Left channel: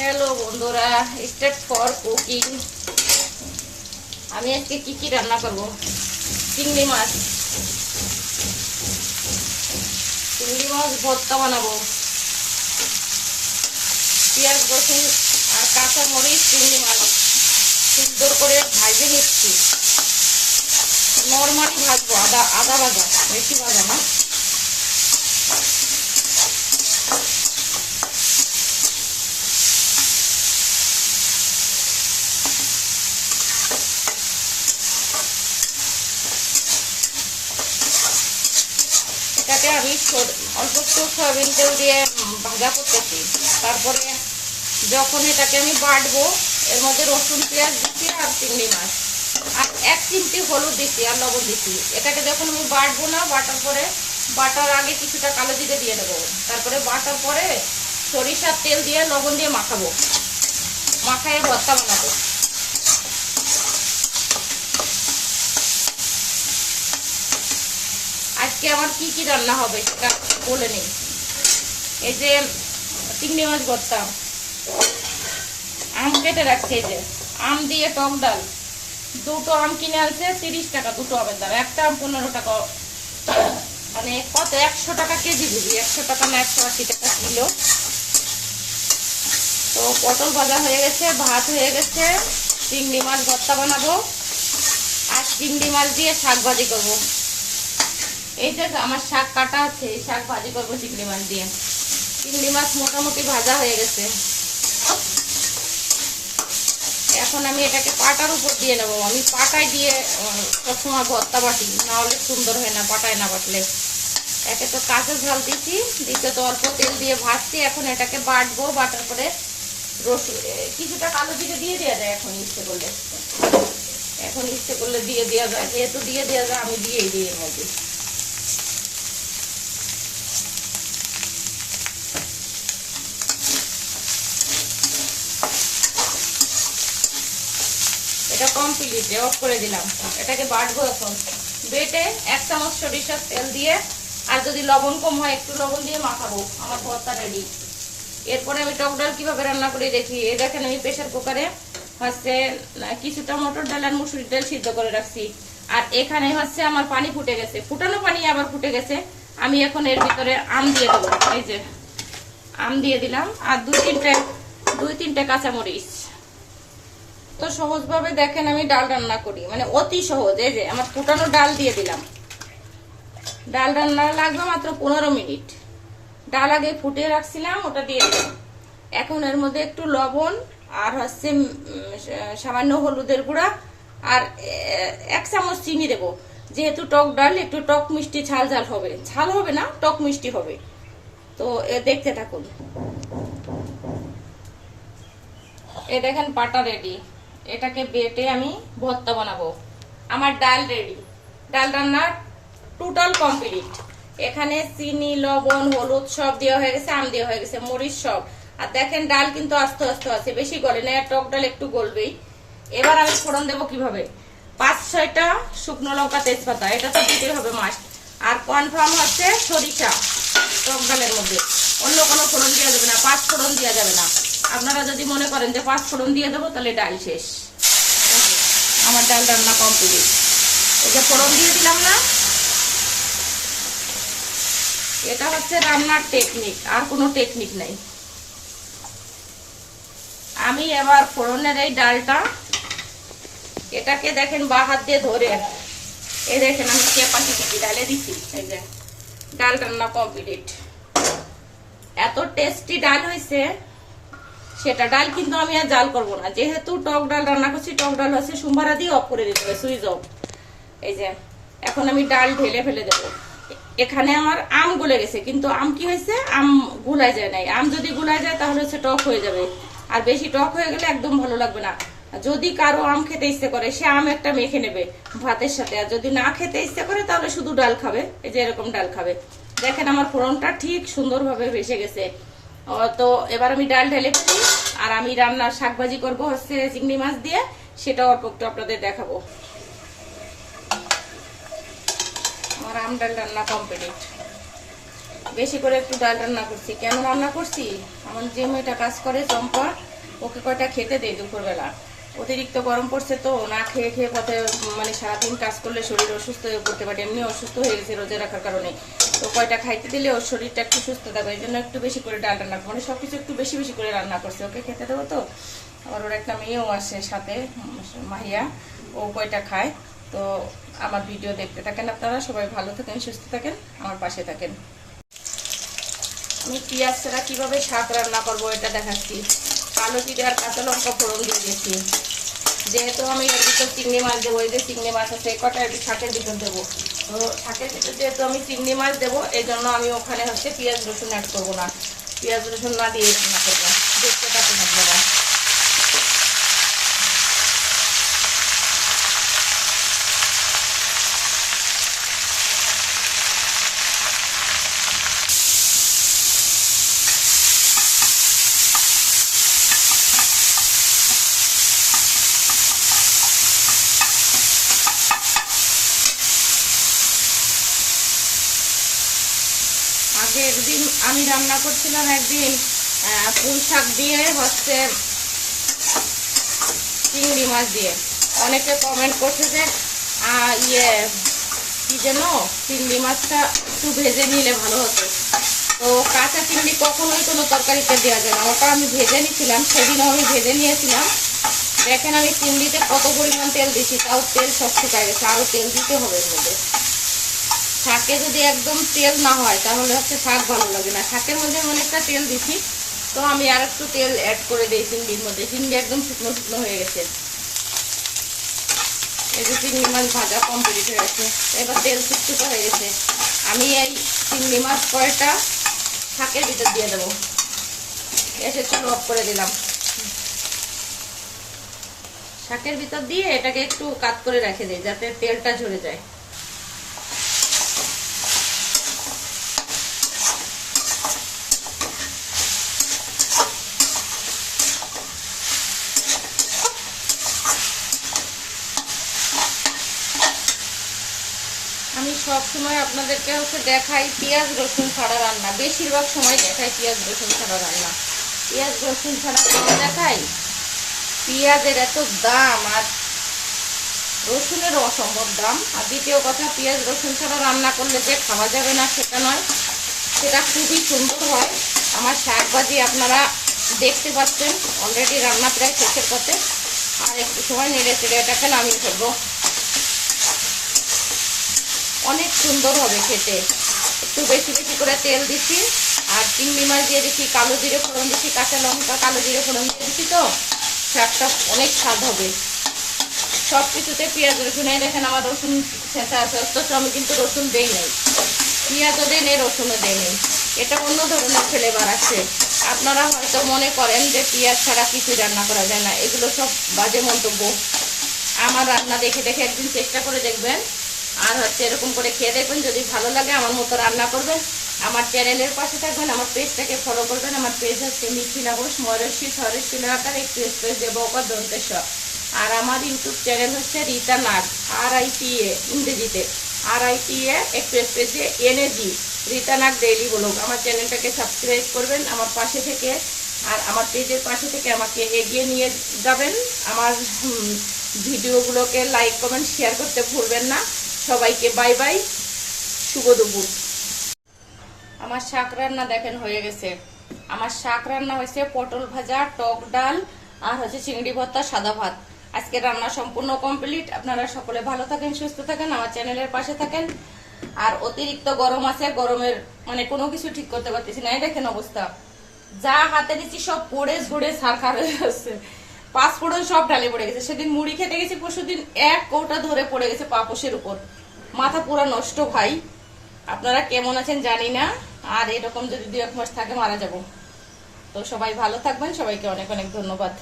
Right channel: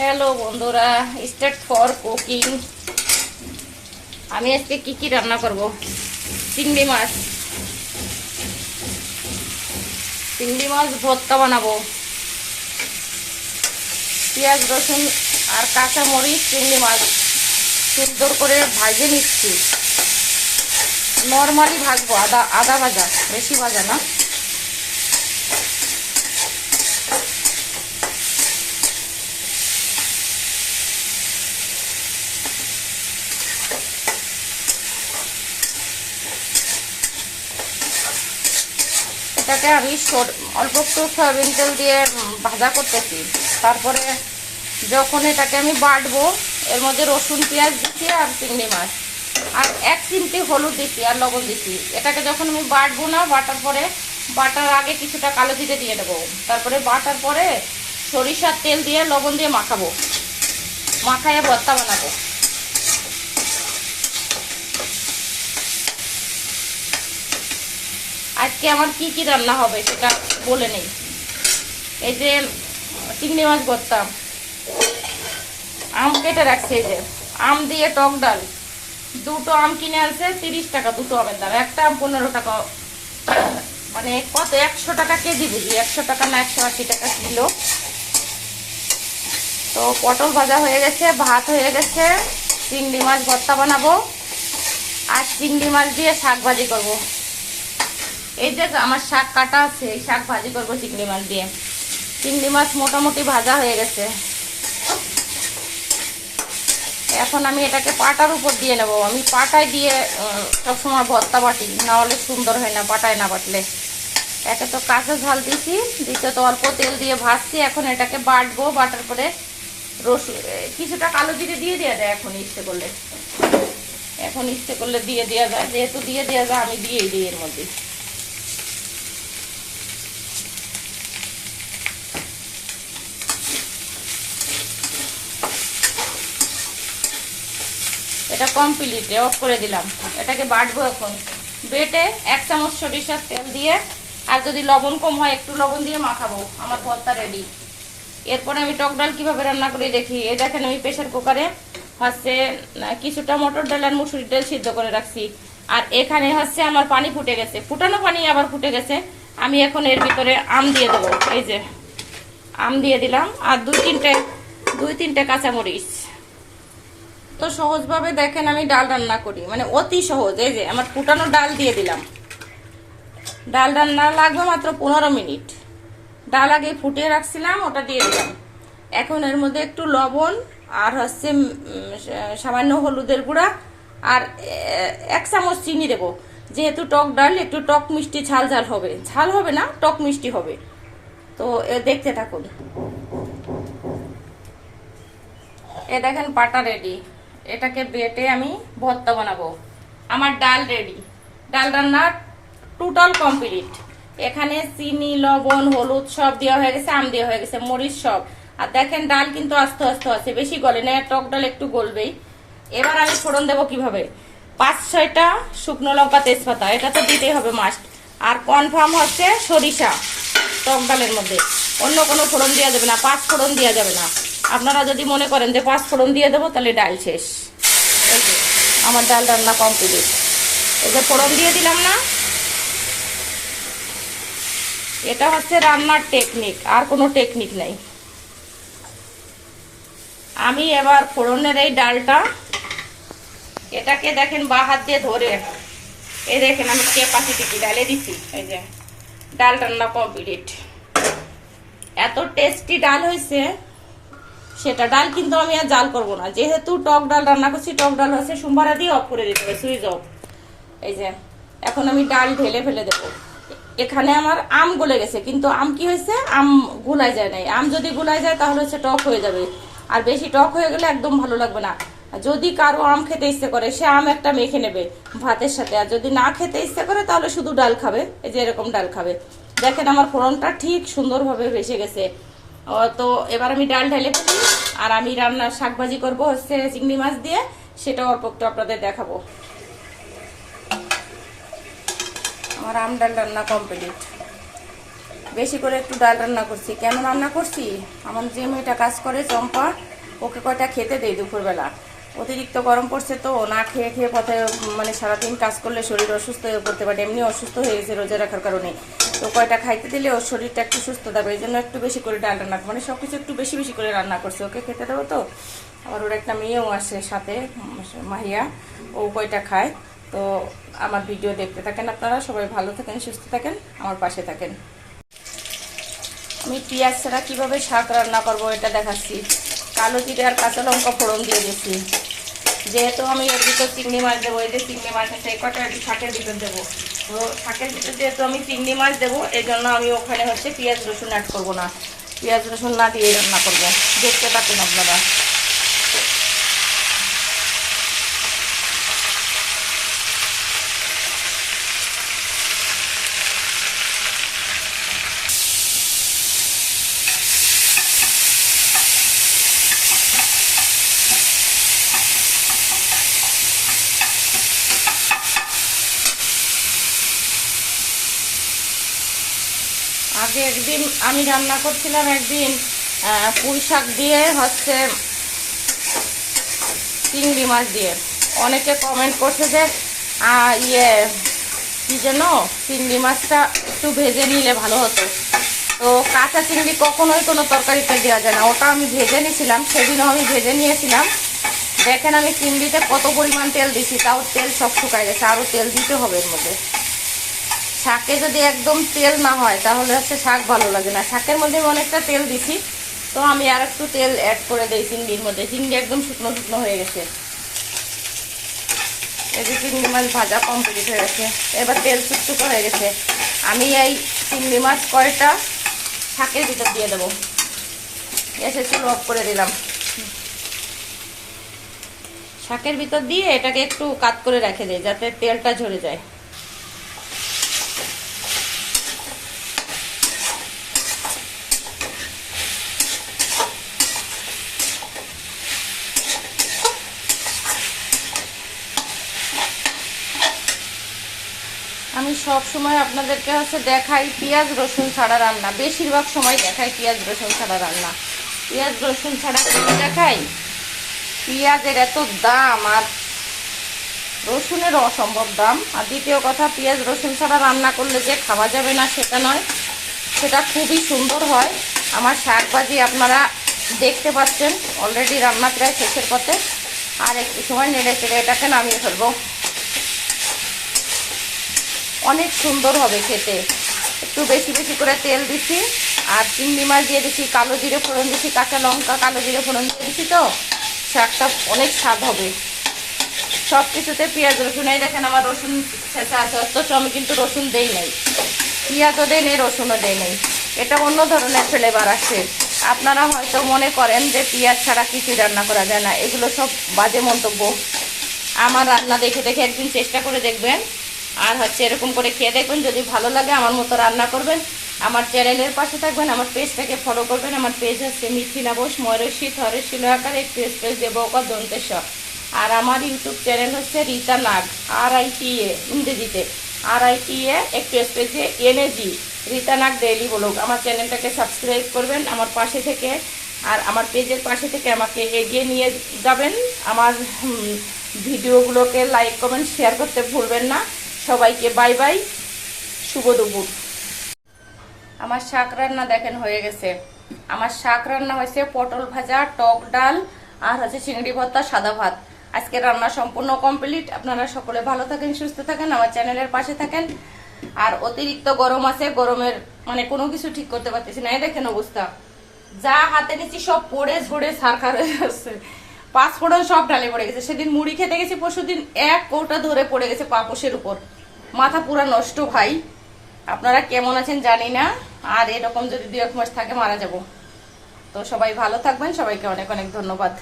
Hello বন্ধুরা, start for cooking. আমি আজকে কি রান্না করব? চিংড়ি মাছ ভর্তা বানাবো। পেঁয়াজ রসুন আর কাঁচা মরিচ চিংড়ি মাছ সুন্দর করে ভাজে নিচ্ছি। নর্মালি ভাজবো, আদা ভাজা, বেশি ভাজা না। এটাকে আমি অল্প একটু সয়াবিন তেল দিয়ে ভাজা করতেছি। তারপরে যখন এটাকে আমি বাটবো, এর মধ্যে রসুন পেঁয়াজ দিচ্ছি আর চিংড়ি মাছ আর 1 চিমটি হলুদ দিচ্ছি আর লবণ দিচ্ছি। এটাকে যখন আমি বাটবো না, বাটার আগে কিছুটা কালো জিরে দিয়ে দেবো। তারপরে বাটার পরে সরিষার তেল দিয়ে লবণ দিয়ে মাখাবো, মাখায় ভর্তা বানাবো। আজকে আমার কি রান্না হবে সেটা বলে নেই। এই যে চিংড়ি মাছ ভর্তা, আম কেটে রাখছে, এই যে আম দিয়ে টক ডাল। 2টো আম কিনে আনছে 30 টাকা, 2টো আমের দাম। একটা আম 15 টাকা, মানে কত 100 টাকা কেজি বুঝি, 100 টাকা না 180 টাকা কিলো। তো পটল ভাজা হয়ে গেছে, ভাত হয়ে গেছে, চিংড়ি মাছ ভর্তা বানাবো আর চিংড়ি মাছ দিয়ে শাক ভাজি করবো। এই যে আমার শাক কাটা আছে, এই শাক ভাজি করবো চিংড়ি মাছ দিয়ে। চিংড়ি মাছ মোটামুটি ভাজা হয়ে গেছে। এখন আমি এটাকে পাটার উপর দিয়ে নেবো। আমি পাটায় দিয়ে সবসময় ভর্তা বাটি, না হলে সুন্দর হয় না পাটায় না বাটলে। একে তো কাঁচা ঝাল দিছি, দ্বিতীয়ত অল্প তেল দিয়ে ভাজছি। এখন এটাকে বাটবো, বাটার পরে রসুন কিছুটা কালো জিরে দিয়ে দেওয়া যায়। এখন ইচ্ছে করলে দিয়ে দেওয়া যায়, যেহেতু দিয়ে দেওয়া যায় আমি দিয়েই দিই এর মধ্যে। এটা কমপ্লিট, অফ করে দিলাম। এটাকে বাটবো এখন। বেটে 1 চামচ সরিষার তেল দিয়ে, আর যদি লবণ কম হয় একটু লবণ দিয়ে মাখাবো। আমার ভর্তা রেডি। এরপরে আমি টক ডাল কিভাবে রান্না করে দেখি। এই দেখেন আমি প্রেসার কুকারে হচ্ছে কিছুটা মটর ডাল আর মুসুরির ডাল সিদ্ধ করে রাখছি। আর এখানে হচ্ছে আমার পানি ফুটে গেছে, ফুটানো পানি আবার ফুটে গেছে। আমি এখন এর ভিতরে আম দিয়ে দেবো। এই যে আম দিয়ে দিলাম, আর দুই তিনটে কাঁচামরিচ। তো সহজভাবে দেখেন আমি ডাল রান্না করি, মানে অতি সহজ। এই যে আমার ফুটানো ডাল দিয়ে দিলাম। ডাল রান্না লাগবে মাত্র 15 মিনিট। ডাল আগে ফুটিয়ে রাখছিলাম, ওটা দিয়ে দিলাম। এখন এর মধ্যে একটু লবণ আর হচ্ছে সামান্য হলুদের গুঁড়া আর 1 চামচ চিনি দেবো। যেহেতু টক ডাল, একটু টক মিষ্টি ঝাল হবে। ঝাল হবে না, টক মিষ্টি হবে। তো দেখতে থাকুন। এ দেখেন পাটা রেডি। এটাকে বেটে আমি ভর্তা বানাবো। আমার ডাল রেডি। ডাল রান্না টোটাল কমপ্লিট। এখানে চিনি, লবণ, হলুদ সব দেওয়া হয়ে গেছে, আম দেওয়া হয়ে গেছে, মরিচ সব। আর দেখেন ডাল কিন্তু আস্তে আস্তে আছে, বেশি গলে না। টক ডাল একটু গলবেই। এবার আমি ফোড়ন দেবো কিভাবে। 5-6টা শুকনো লঙ্কা, তেজপাতা, এটা তো দিতেই হবে মাস্ট। আর কনফার্ম হচ্ছে সরিষা টক ডালের মধ্যে। অন্য কোনো ফোড়ন দেওয়া যাবে না, 5 ফোড়ন দেওয়া যাবে না। আপনারা যদি মনে করেন যে 5 ফোড়ন দিয়ে দেবো, তাহলে ডাল শেষ। আমার ডাল রান্না কমপ্লিট। এই যে ফোড়ন দিয়ে দিলাম না, এটা হচ্ছে রান্নার টেকনিক, আর কোনো টেকনিক নাই। আমি এবার ফোড়নের এই ডালটা, এটাকে দেখেন বা হাত দিয়ে ধরে, এই দেখেন আমি ক্যাপাসিটি ডালে দিচ্ছি। এই যে ডাল রান্না কমপ্লিট। এত টেস্টি ডাল হয়েছে সেটা। ডাল কিন্তু আমি আর জাল করবো না, যেহেতু টক ডাল রান্না করছি। টক ডাল হচ্ছে সোমবারা দিয়ে অফ করে দিতে হবে, সুইচ অফ। এই যে এখন আমি ডাল ঢেলে ফেলে দেবো। এখানে আমার আম গলে গেছে, কিন্তু আম কি হয়েছে, আম গুলাই যায় নাই। আম যদি গুলাই যায় তাহলে হচ্ছে টক হয়ে যাবে, আর বেশি টক হয়ে গেলে একদম ভালো লাগবে না। যদি কারো আম খেতে ইচ্ছে করে, সে আম একটা মেখে নেবে ভাতের সাথে। আর যদি না খেতে ইচ্ছে করে, তাহলে শুধু ডাল খাবে। এই যে এরকম ডাল খাবে। দেখেন আমার ফোড়নটা ঠিক সুন্দরভাবে ভেসে গেছে। তো এবার আমি ডাল ঢেলে ফেলি। আর আমি রান্নার শাক ভাজি করবো হচ্ছে চিংড়ি মাছ দিয়ে, সেটা অল্প একটু আপনাদের দেখাবো। আমার আম ডাল রান্না কমপ্লিট। বেশি করে একটু ডাল রান্না করছি। কেন রান্না করছি, আমার যে মেয়েটা কাজ করে চম্পা, ওকে কয়টা খেতে দেয় দুপুরবেলা। অতিরিক্ত গরম পড়ছে তো, না খেয়ে খেয়ে পথে মানে সারাদিন কাজ করলে শরীর অসুস্থ হয়ে পড়তে পারে, এমনি অসুস্থ হয়ে গেছে রোজা রাখার কারণে। তো কয়টা খাইতে দিলে ওর শরীরটা একটু সুস্থ থাকবে, এই জন্য একটু বেশি করে ডাল রান্না, মানে সবকিছু একটু বেশি বেশি করে রান্না করছে, ওকে খেতে দেবো তো। আবার ওর একটা মেয়েও আসে সাথে, মাহিয়া, ও কয়টা খায়। তো আমার ভিডিও দেখতে থাকেন আপনারা, সবাই ভালো থাকেন, সুস্থ থাকেন, আমার পাশে থাকেন। আমি পেঁয়াজ ছাড়া কীভাবে শাক রান্না করবো এটা দেখাচ্ছি। কালো জিরে আর কাঁচা লঙ্কা ফোড়ন দিয়ে দিচ্ছি। যেহেতু আমি এর ভিতর চিংড়ি মাছ দেবো, এই যে চিংড়ি মাছ আছে এই কটা শাকের ভিতর দেবো, তো শাকের ভিতর যেহেতু আমি চিংড়ি মাছ দেবো, এই জন্য আমি ওখানে হচ্ছে পেঁয়াজ রসুন অ্যাড করবো না, পেঁয়াজ রসুন না দিয়ে রান্না করবো। দেখতে পাচ্ছেন আপনারা। আগে একদিন আমি রান্না করছিলাম, একদিন পুঁই শাক দিয়ে হচ্ছে চিংড়ি মাছ দিয়ে। অনেকে কমেন্ট করছে যে কি যেন চিংড়ি মাছটা একটু ভেজে নিলে ভালো হতো। তো কাঁচা চিংড়ি কখনোই কোনো তরকারিতে দেওয়া যায় না, ওটা আমি ভেজে নিয়েছিলাম, সেদিনও আমি ভেজে নিয়েছিলাম। দেখেন আমি চিংড়িতে কত পরিমাণ তেল দিছি, তাও তেল সব শুকায় গেছে, আরও তেল দিতে হবে এর মধ্যে। শাকে যদি একদম তেল না হয় তাহলে হচ্ছে শাক ভালো লাগে না। শাকের মধ্যে আমি অনেকটা তেল দিছি, তো আমি আর একটু তেল অ্যাড করে দিই চিংড়ির মধ্যে। চিংড়ি একদম শুকনো শুকনো হয়ে গেছে। এই যে চিংড়ি মাছ ভাজা কমপ্লিট হয়ে গেছে, এবার তেল চুপচুপো হয়ে গেছে। আমি এই চিংড়ি মাছ কয়টা শাকের ভিতর দিয়ে দেবো। এসে চুলো অফ করে দিলাম। শাকের ভিতর দিয়ে এটাকে একটু কাট করে রেখে দিই যাতে তেলটা ঝরে যায়। আমি সব সময় আপনাদেরকে হচ্ছে দেখাই পেঁয়াজ রসুন ছাড়া রান্না, বেশিরভাগ সময় দেখাই পেঁয়াজ রসুন ছাড়া রান্না। পেঁয়াজ রসুন ছাড়া দেখাই, পেঁয়াজের এত দাম আর রসুনেরও অসম্ভব দাম। আর দ্বিতীয় কথা, পেঁয়াজ রসুন ছাড়া রান্না করলে যে খাওয়া যাবে না সেটা নয়, সেটা খুবই সুন্দর হয়। আমার শাকভাজি আপনারা দেখতে পাচ্ছেন অলরেডি রান্না প্রায় শেষের পথে, আর একটু সময় নেড়ে চেড়ে এটাকে নামিয়ে ফেলবো। অনেক সুন্দর হবে খেতে। একটু বেশি বেশি করে তেল দিচ্ছি, আর চিংড়ি মাছ দিয়ে দিচ্ছি, কালো জিরে ফোড়ন দিচ্ছি, কাঁচা লঙ্কা কালো জিরে ফোড়ন দিয়ে দিচ্ছি, তো শাকটা অনেক স্বাদ হবে। সব কিছুতে পেঁয়াজ রসুন, এই দেখেন আমার রসুন ছেঁচা আছে, অথচ আমি কিন্তু রসুন দেই নাই, পেঁয়াজও দেই নেই, রসুনও দেই নেই। এটা অন্য ধরনের ফ্লেভার আসে। আপনারা হয়তো মনে করেন যে পেঁয়াজ ছাড়া কিছুই রান্না করা যায় না, এগুলো সব বাজে মন্তব্য। আমার রান্না দেখে দেখে একদিন চেষ্টা করে দেখবেন, আর হচ্ছে এরকম করে খেয়ে দেখবেন। যদি ভালো লাগে আমার মতো রান্না করবেন, আমার চ্যানেলের পাশে থাকবেন, আমার পেজটাকে ফলো করবেন। আমার পেজ হচ্ছে মিথিলা বোস, ময়ূরশ্রী থরের শিলাকার, একটু স্পেস দেবো দন্তেশ্বর। আর আমার ইউটিউব চ্যানেল হচ্ছে রীতা নাগ, RITA ইংরেজিতে, RITA একটু স্পেস দিয়ে NAG, রীতা নাগ ডেইলি ব্লগ। আমার চ্যানেলটাকে সাবস্ক্রাইব করবেন আমার পাশে থেকে, আর আমার পেজের পাশে থেকে আমাকে এগিয়ে নিয়ে যাবেন। আমার ভিডিওগুলোকে লাইক কমেন্ট শেয়ার করতে ভুলবেন না। সবাইকে বাই বাই, শুভ দুপুর। আমার শাক রান্না দেখেন হয়ে গেছে। আমার শাক রান্না হয়েছে পটল ভাজা, টক ডাল, আর হচ্ছে চিংড়ি ভর্তা, সাদা ভাত। আজকে রান্না সম্পূর্ণ কমপ্লিট। আপনারা সকলে ভালো থাকেন, সুস্থ থাকেন, আমার চ্যানেলের পাশে থাকেন। আর অতিরিক্ত গরম আছে, গরমের মানে কোনো কিছু ঠিক করতে পারতেছি না। এই দেখেন অবস্থা, যা হাতে নিচ্ছি সব পড়ে ঝরে সারখার হয়ে যাচ্ছে। পাঁচফোড়ন সব ঢালে পড়ে গেছে। সেদিন মুড়ি খেতে গেছি, পরশুদিন এক কৌটা ধরে পড়ে গেছে পাপোশের উপর। মাথা পুরা নষ্ট ভাই। আপনারা কেমন আছেন জানি না, আর এরকম যদি 2-1 মাস থাকে মারা যাব। তো সবাই ভালো থাকবেন, সবাইকে অনেক অনেক ধন্যবাদ।